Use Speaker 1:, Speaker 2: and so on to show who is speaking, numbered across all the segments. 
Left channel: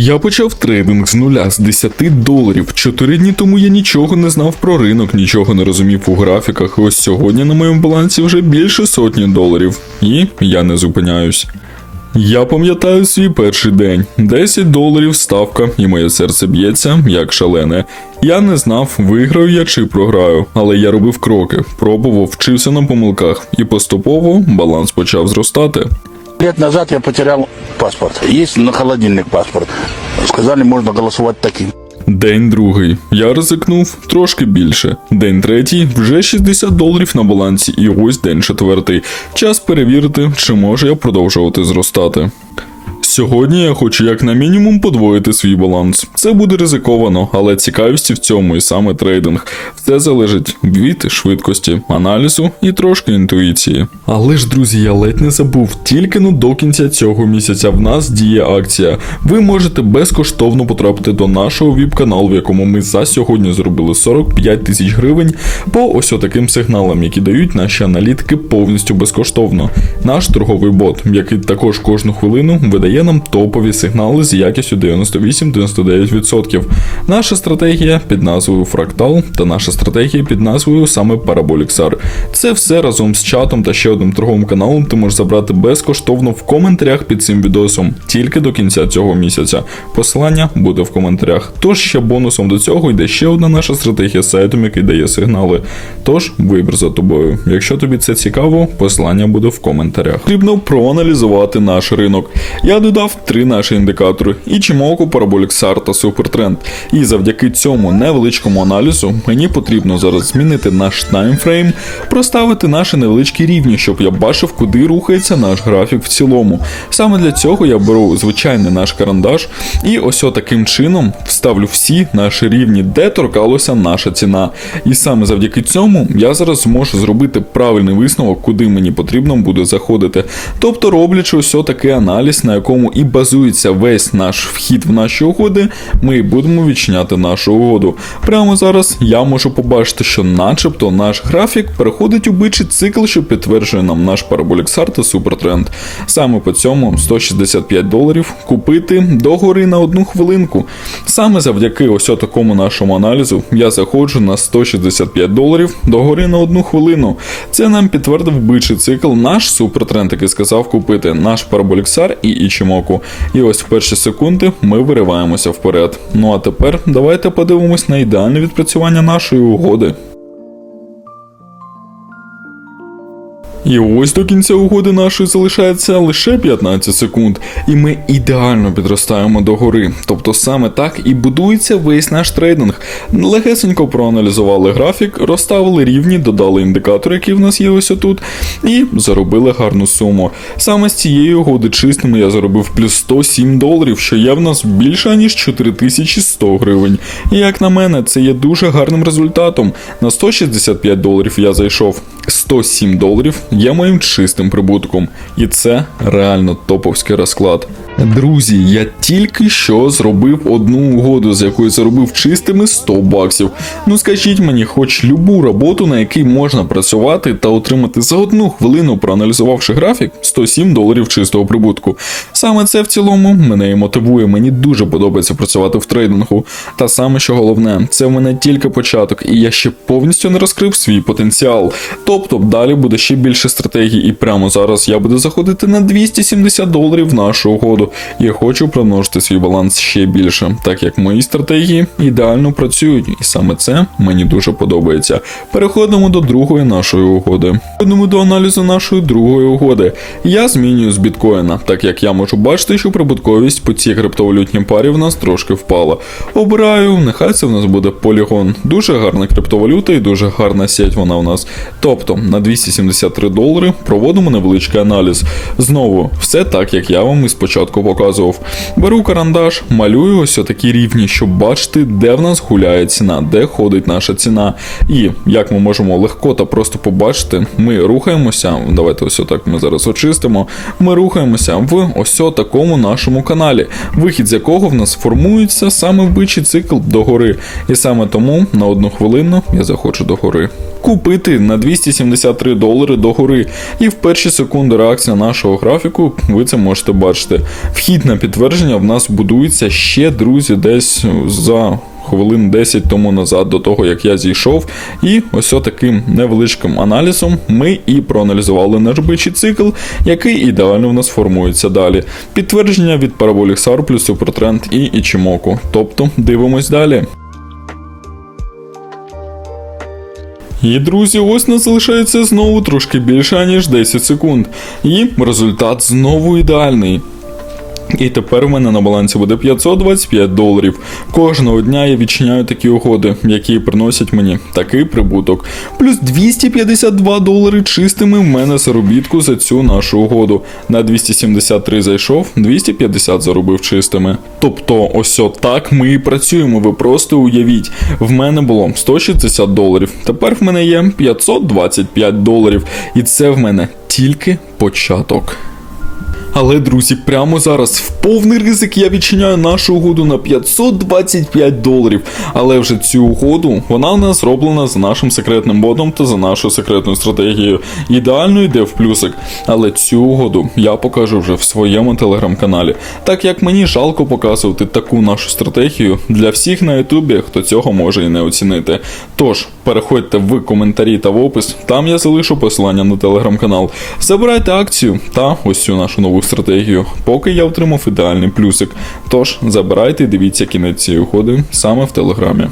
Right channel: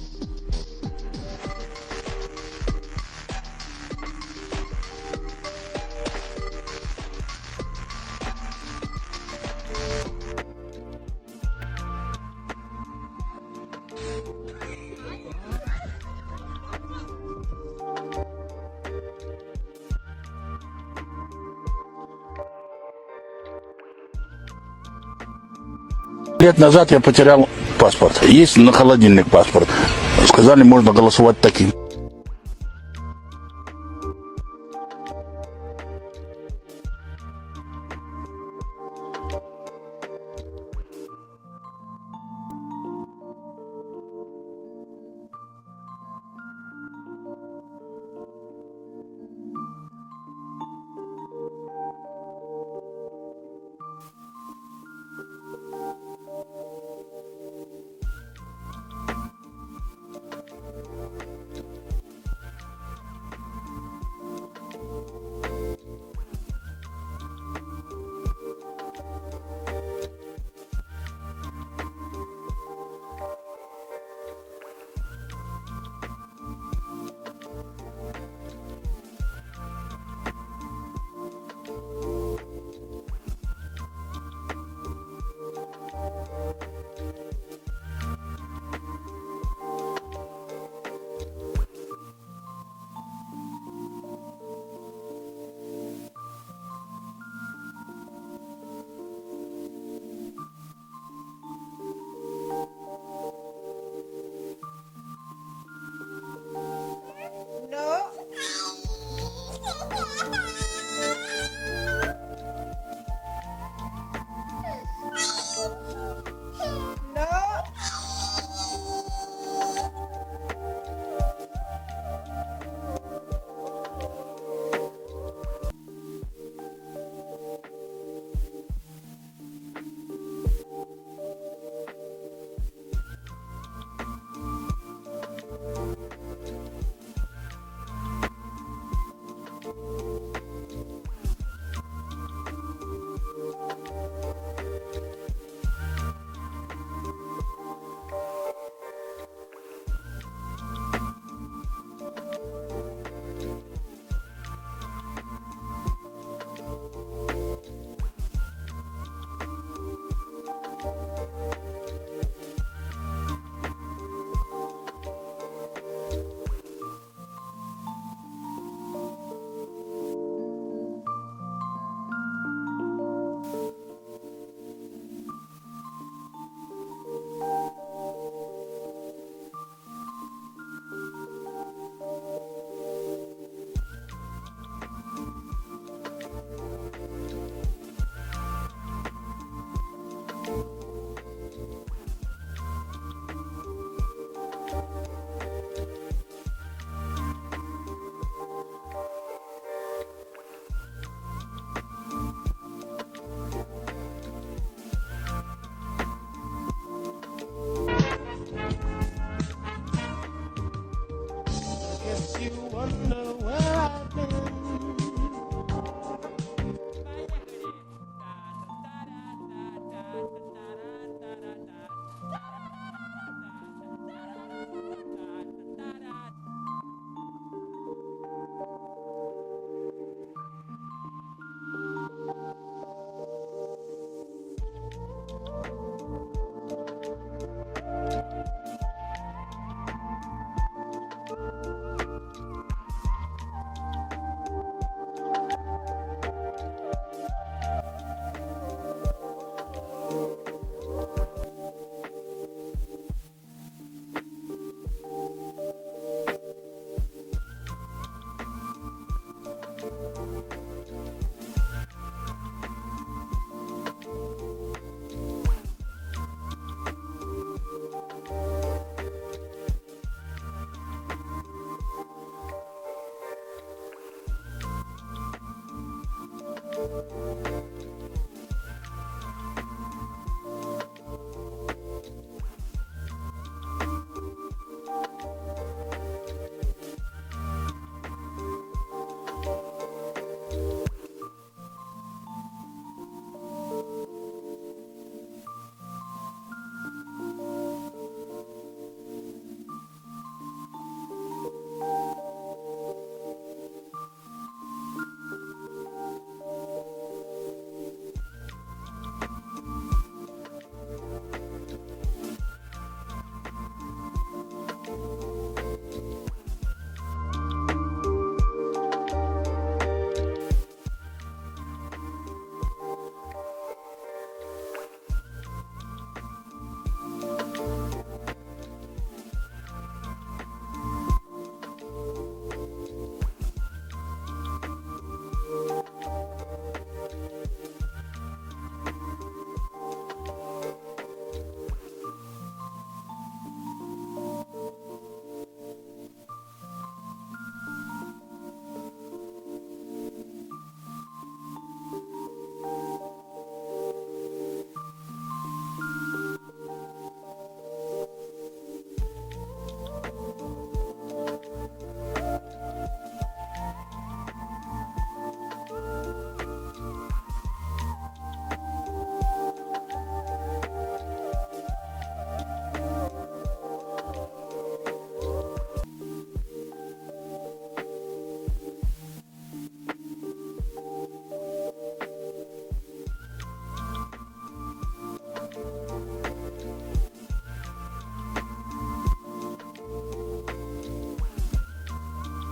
Speaker 1: Я почав трейдинг з нуля з 10 доларів. Чотири дні тому я нічого не знав про ринок, нічого не розумів у графіках. Ось сьогодні на моєму балансі вже більше сотні доларів. І я не зупиняюсь. Я пам'ятаю свій перший день. 10 доларів ставка, і моє серце б'ється як шалене. Я не знав, виграю я чи програю, але я робив кроки, пробував, вчився на помилках, і поступово баланс почав зростати.
Speaker 2: Лет назад я потерял паспорт. Есть на холодильник паспорт. Сказали, можно голосувати таким.
Speaker 1: День другий. Я ризикнув трошки більше. День третій вже 60 доларів на балансі, і ось день четвертий. Час перевірити, чи можу я продовжувати зростати. Сьогодні я хочу як на мінімум подвоїти свій баланс. Це буде ризиковано, але цікавості в цьому і саме трейдинг. Все залежить від швидкості, аналізу і трошки інтуїції. Але ж, друзі, я ледь не забув, тільки ну до кінця цього місяця в нас діє акція. Ви можете безкоштовно потрапити до нашого віп-каналу, в якому ми за сьогодні зробили 45 тисяч гривень по ось таким сигналам, які дають наші аналітики повністю безкоштовно. Наш торговий бот, який також кожну хвилину видає нам топові сигнали з якістю 98-99%. Наша стратегія під назвою Фрактал та наша стратегія під назвою саме Параболіксар. Це все разом з чатом та ще одним торговим каналом ти можеш забрати безкоштовно в коментарях під цим відосом тільки до кінця цього місяця. Посилання буде в коментарях. Тож ще бонусом до цього йде ще одна наша стратегія з сайтом, який дає сигнали. Тож вибір за тобою. Якщо тобі це цікаво, посилання буде в коментарях. Потрібно проаналізувати наш ринок. Я додав три наші індикатори: Ichimoku, Parabolic SAR та Supertrend. І завдяки цьому невеличкому аналізу мені потрібно зараз змінити наш таймфрейм, проставити наші невеличкі рівні, щоб я бачив, куди рухається наш графік в цілому. Саме для цього я беру звичайний наш карандаш і ось таким чином вставлю всі наші рівні, де торкалася наша ціна. І саме завдяки цьому я зараз зможу зробити правильний висновок, куди мені потрібно буде заходити. Тобто, роблячи ось такий аналіз, на якому і базується весь наш вхід в наші угоди, ми будемо відчиняти нашу угоду. Прямо зараз я можу побачити, що начебто наш графік переходить у бичий цикл, що підтверджує нам наш параболіксар та супертренд. Саме по цьому 165 доларів купити догори на одну хвилинку. Саме завдяки ось такому нашому аналізу я заходжу на 165 доларів догори на одну хвилину. Це нам підтвердив бичий цикл наш супертренд, який сказав купити наш параболіксар і Ічімоку. І ось в перші секунди ми вириваємося вперед. Ну а тепер давайте подивимось на ідеальне відпрацювання нашої угоди. І ось до кінця угоди нашої залишається лише 15 секунд, і ми ідеально підростаємо до гори. Тобто саме так і будується весь наш трейдинг. Легесенько проаналізували графік, розставили рівні, додали індикатор, який в нас є ось отут, і заробили гарну суму. Саме з цієї угоди чистими я заробив плюс 107 доларів, що є в нас більше ніж 4100 гривень. І як на мене, це є дуже гарним результатом. На 165 доларів я зайшов 107 доларів є моїм чистим прибутком, і це реально топовський розклад. Друзі, я тільки що зробив одну угоду, з якою заробив чистими 100 баксів. Ну скажіть мені, хоч любу роботу, на якій можна працювати та отримати за одну хвилину, проаналізувавши графік, 107 доларів чистого прибутку. Саме це в цілому мене і мотивує. Мені дуже подобається працювати в трейдингу. Та саме, що головне, це в мене тільки початок, і я ще повністю не розкрив свій потенціал. Тобто далі буде ще більше стратегій, і прямо зараз я буду заходити на 270 доларів в нашу угоду. Я хочу примножити свій баланс ще більше, так як мої стратегії ідеально працюють, і саме це мені дуже подобається. Переходимо до другої нашої угоди. Переходимо до аналізу нашої другої угоди. Я змінюю з біткоїна, так як я можу бачити, що прибутковість по цій криптовалютній парі в нас трошки впала. Обираю, нехай це в нас буде полігон. Дуже гарна криптовалюта і дуже гарна сеть вона у нас. Тобто на 273 долари проводимо невеличкий аналіз. Знову, все так, як я вам і спочатку показував. Беру карандаш, малюю ось такі рівні, щоб бачити, де в нас гуляє ціна, де ходить наша ціна. І як ми можемо легко та просто побачити, ми рухаємося. Давайте ось так ми зараз очистимо. Ми рухаємося в ось такому нашому каналі, вихід з якого в нас формується саме вбичий цикл догори. І саме тому на одну хвилину я заходжу до гори. Купити на 273 долари догори. І в перші секунди реакція нашого графіку ви це можете бачити. Вхід на підтвердження в нас будується ще, друзі, десь за хвилин 10 тому назад, до того як я зійшов. І ось таким невеличким аналізом ми і проаналізували наш бичий цикл, який ідеально в нас формується далі. Підтвердження від параболік SAR плюс Супертренд і Ічімоку. Тобто дивимось далі. І, друзі, ось нас залишається знову трошки більше, ніж 10 секунд. І результат знову ідеальний. І тепер в мене на балансі буде 525 доларів. Кожного дня я відчиняю такі угоди, які приносять мені такий прибуток. Плюс 252 долари чистими в мене заробітку за цю нашу угоду. На 273 зайшов, 250 заробив чистими. Тобто, ось так ми і працюємо. Ви просто уявіть, в мене було 160 доларів. Тепер в мене є 525 доларів. І це в мене тільки початок. Але, друзі, прямо зараз в повний ризик я відчиняю нашу угоду на 525 доларів. Але вже цю угоду вона у нас зроблена за нашим секретним ботом та за нашою секретною стратегією. Ідеально йде в плюсик. Але цю угоду я покажу вже в своєму телеграм-каналі, так як мені жалко показувати таку нашу стратегію для всіх на Ютубі, хто цього може і не оцінити. Тож, переходьте в коментарі та в опис, там я залишу посилання на телеграм-канал. Забирайте акцію та ось цю нашу нову стратегію, поки я отримав ідеальний плюсик. Тож забирайте і дивіться кінець цієї угоди саме в телеграмі.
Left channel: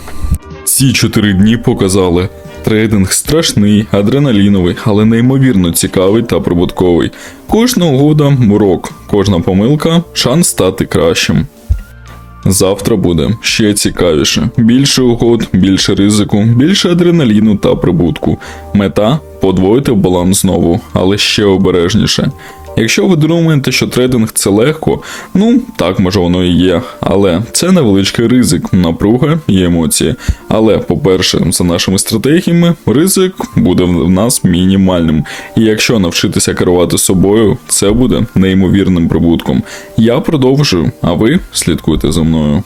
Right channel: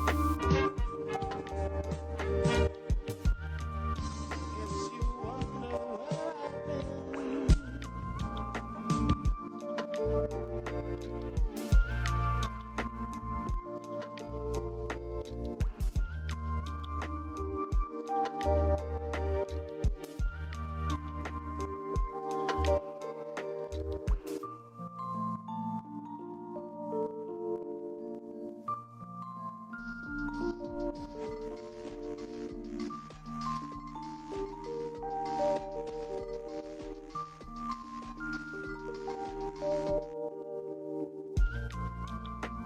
Speaker 1: Ці чотири дні показали. Трейдинг страшний, адреналіновий, але неймовірно цікавий та прибутковий. Кожна угода урок, кожна помилка шанс стати кращим. Завтра буде ще цікавіше. Більше угод, більше ризику, більше адреналіну та прибутку. Мета подвоїти баланс знову, але ще обережніше. Якщо ви думаєте, що трейдинг це легко, ну так може воно і є. Але це невеличкий ризик, напруга і емоції. Але, по-перше, за нашими стратегіями, ризик буде в нас мінімальним. І якщо навчитися керувати собою, це буде неймовірним прибутком. Я продовжую, а ви слідкуйте за мною.